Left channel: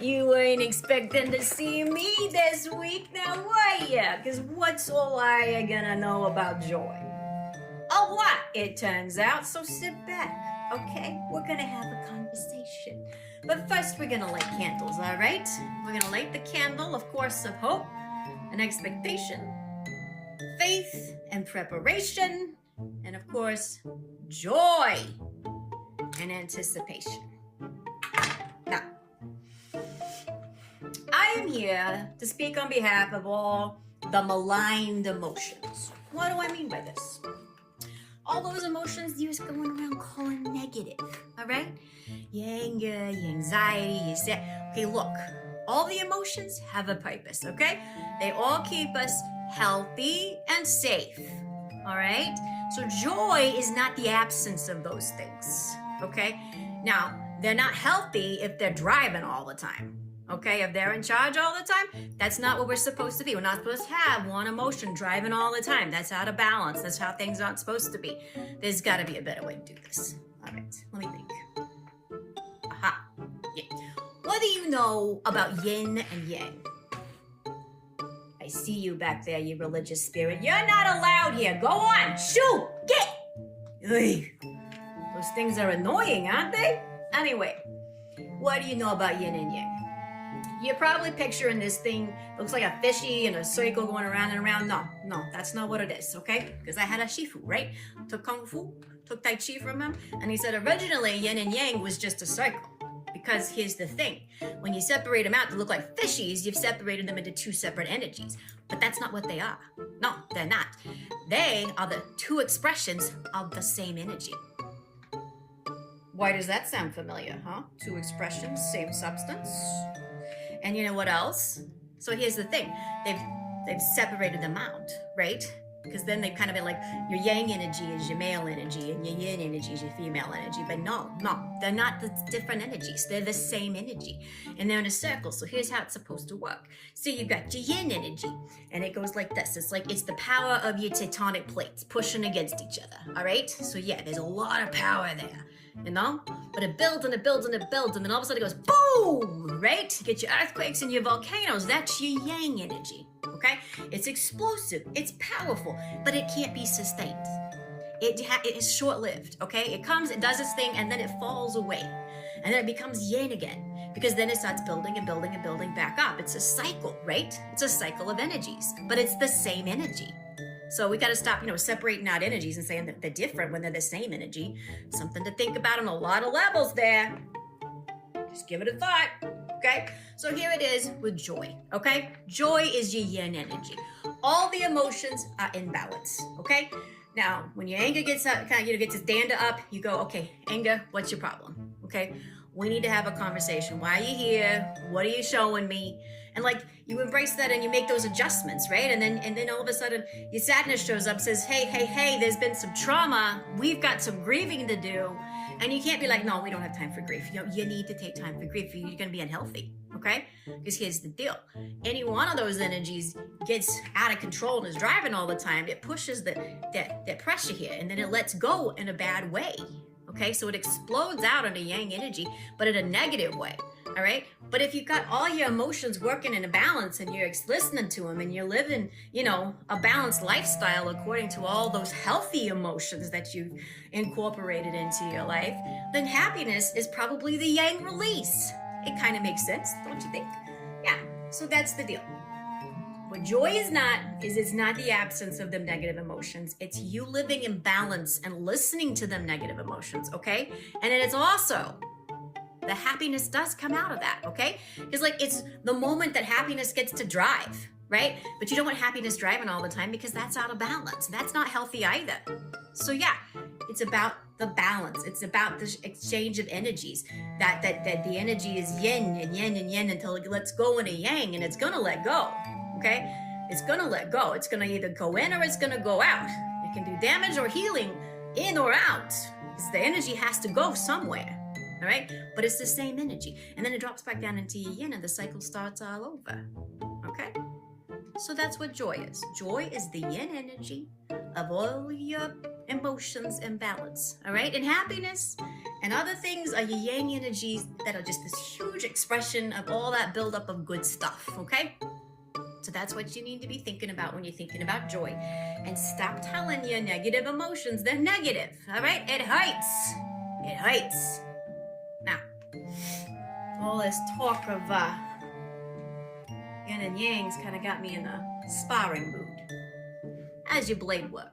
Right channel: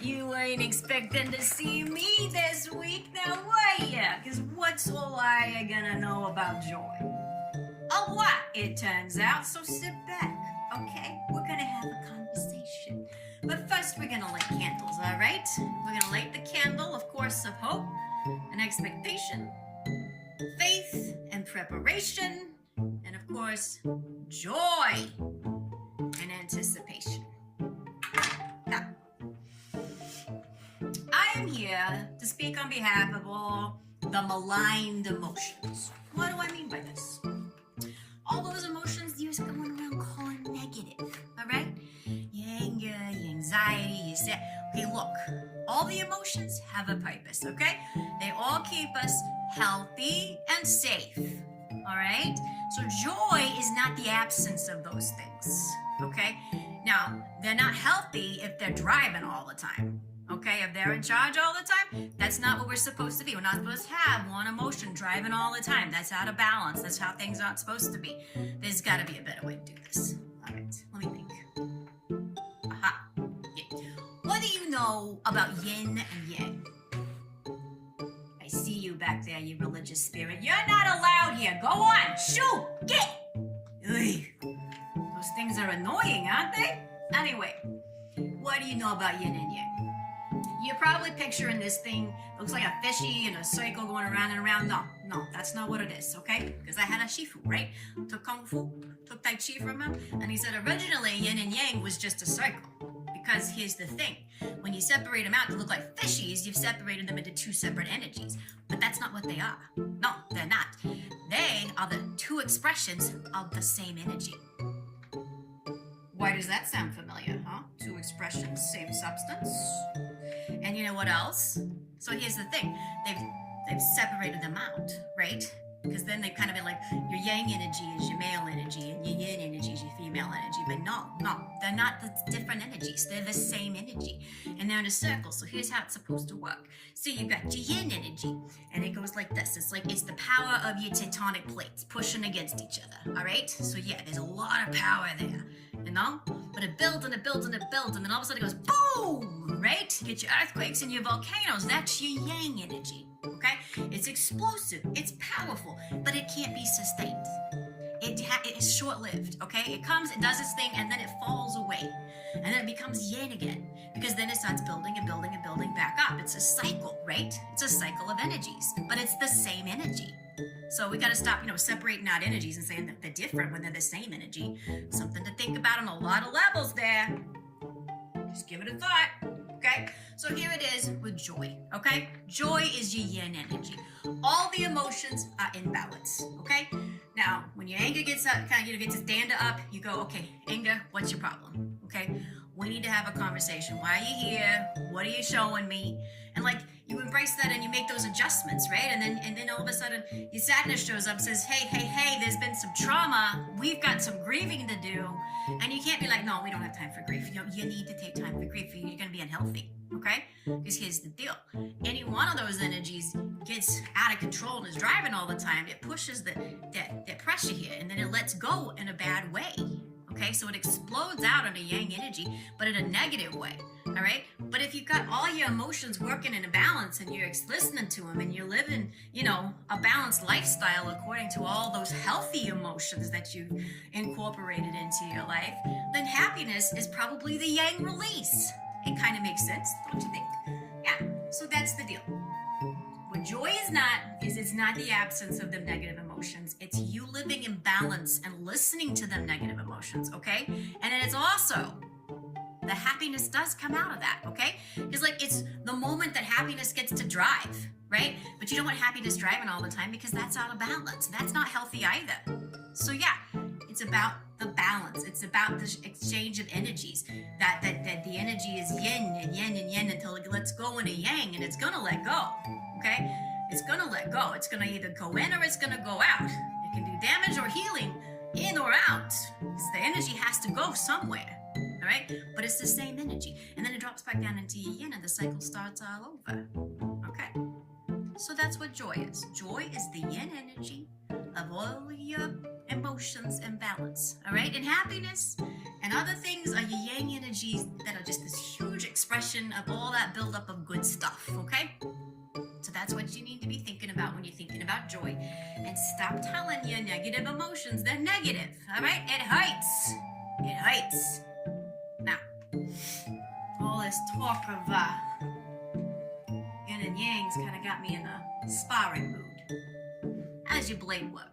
You ain't expecting to see me this week now, were ya? Because what's all I gonna know about joy? A lot, it turns out, so sit back, okay? We're gonna have a conversation. But first, we're gonna light candles, all right? We're gonna light the candle, of course, of hope and expectation, faith and preparation, and of course, joy and anticipation. Now, I am here to speak on behalf of all the maligned emotions. What do I mean by this? All those emotions you're going around calling negative, all right? Your anger, your anxiety, your sad. Hey, look, all the emotions have a purpose, okay? They all keep us healthy and safe, all right? So joy is not the absence of those things, okay? Now, they're not healthy if they're driving all the time. Okay, if they're in charge all the time, that's not what we're supposed to be. We're not supposed to have one emotion driving all the time. That's out of balance. That's how things aren't supposed to be. There's got to be a better way to do this. All right, let me think. Aha. Yeah. What do you know about yin and yang? I see you back there, you religious spirit. You're not allowed here. Go on, shoot, get. Ugh. Those things are annoying, aren't they? Anyway, what do you know about yin and yang? You're probably picturing this thing, looks like a fishy in a circle going around and around. No, that's not what it is, okay? Because I had a shifu, right? Took Kung Fu, took Tai Chi from him, and he said originally yin and yang was just a circle. Because here's the thing, when you separate them out to look like fishies, you've separated them into two separate energies. But that's not what they are. No, they're not. They are the two expressions of the same energy. Why does that sound familiar, huh? Two expressions, same substance. And you know what else? So here's the thing. They've separated them out, right? Because then they've kind of been like, your yang energy is your male energy and your yin energy is your female energy. But no, they're not the different energies. They're the same energy. And they're in a circle. So here's how it's supposed to work. See, you've got your yin energy. And it goes like this. It's the power of your tectonic plates pushing against each other. All right? So yeah, there's a lot of power there. You know? But it builds and it builds and it builds. And then all of a sudden it goes boom! Right? You get your earthquakes and your volcanoes. That's your yang energy. Okay? It's explosive. It's powerful. But it can't be sustained. It is short-lived. Okay? It comes, it does its thing, and then it falls away. And then it becomes yin again. Because then it starts building and building and building back up. It's a cycle, right? It's a cycle of energies. But it's the same energy. So we got to stop, separating out energies and saying that they're different when they're the same energy. Something to think about on a lot of levels there. Just give it a thought, okay? So here it is with joy, okay? Joy is your yin energy. All the emotions are in balance, okay? Now, when your anger gets up, gets to stand up, you go, okay, anger, what's your problem, okay? We need to have a conversation. Why are you here? What are you showing me? And you embrace that and you make those adjustments, right? And then all of a sudden your sadness shows up, says, hey, there's been some trauma. We've got some grieving to do. And you can't be like, no, we don't have time for grief. You need to take time for grief. You're going to be unhealthy, okay? Because here's the deal. Any one of those energies gets out of control and is driving all the time. It pushes that pressure here, and then it lets go in a bad way. Okay, so it explodes out into yang energy, but in a negative way, all right? But if you've got all your emotions working in a balance and you're listening to them and you're living, a balanced lifestyle according to all those healthy emotions that you've incorporated into your life, then happiness is probably the yang release. It kind of makes sense, don't you think? Yeah, so that's the deal. What joy is it's not the absence of them negative emotions. It's you living in balance and listening to them negative emotions, okay? And then it's also, the happiness does come out of that, okay? Because it's the moment that happiness gets to drive, right? But you don't want happiness driving all the time because that's out of balance. That's not healthy either. So yeah, it's about the balance. It's about the exchange of energies. That the energy is yin and yin and yin until it lets go into yang, and it's gonna let go. Okay? It's gonna let go. It's gonna either go in or it's gonna go out. It can do damage or healing in or out. The energy has to go somewhere. All right? But it's the same energy. And then it drops back down into your yin and the cycle starts all over. Okay? So that's what joy is. Joy is the yin energy of all your emotions in balance. All right? And happiness And other things are your yang energies that are just this huge expression of all that buildup of good stuff, okay? So that's what you need to be thinking about when you're thinking about joy. And stop telling your negative emotions they're negative, all right? It hurts. It hurts. Now, all this talk of yin and yang's kind of got me in a sparring mood. How's your blade work?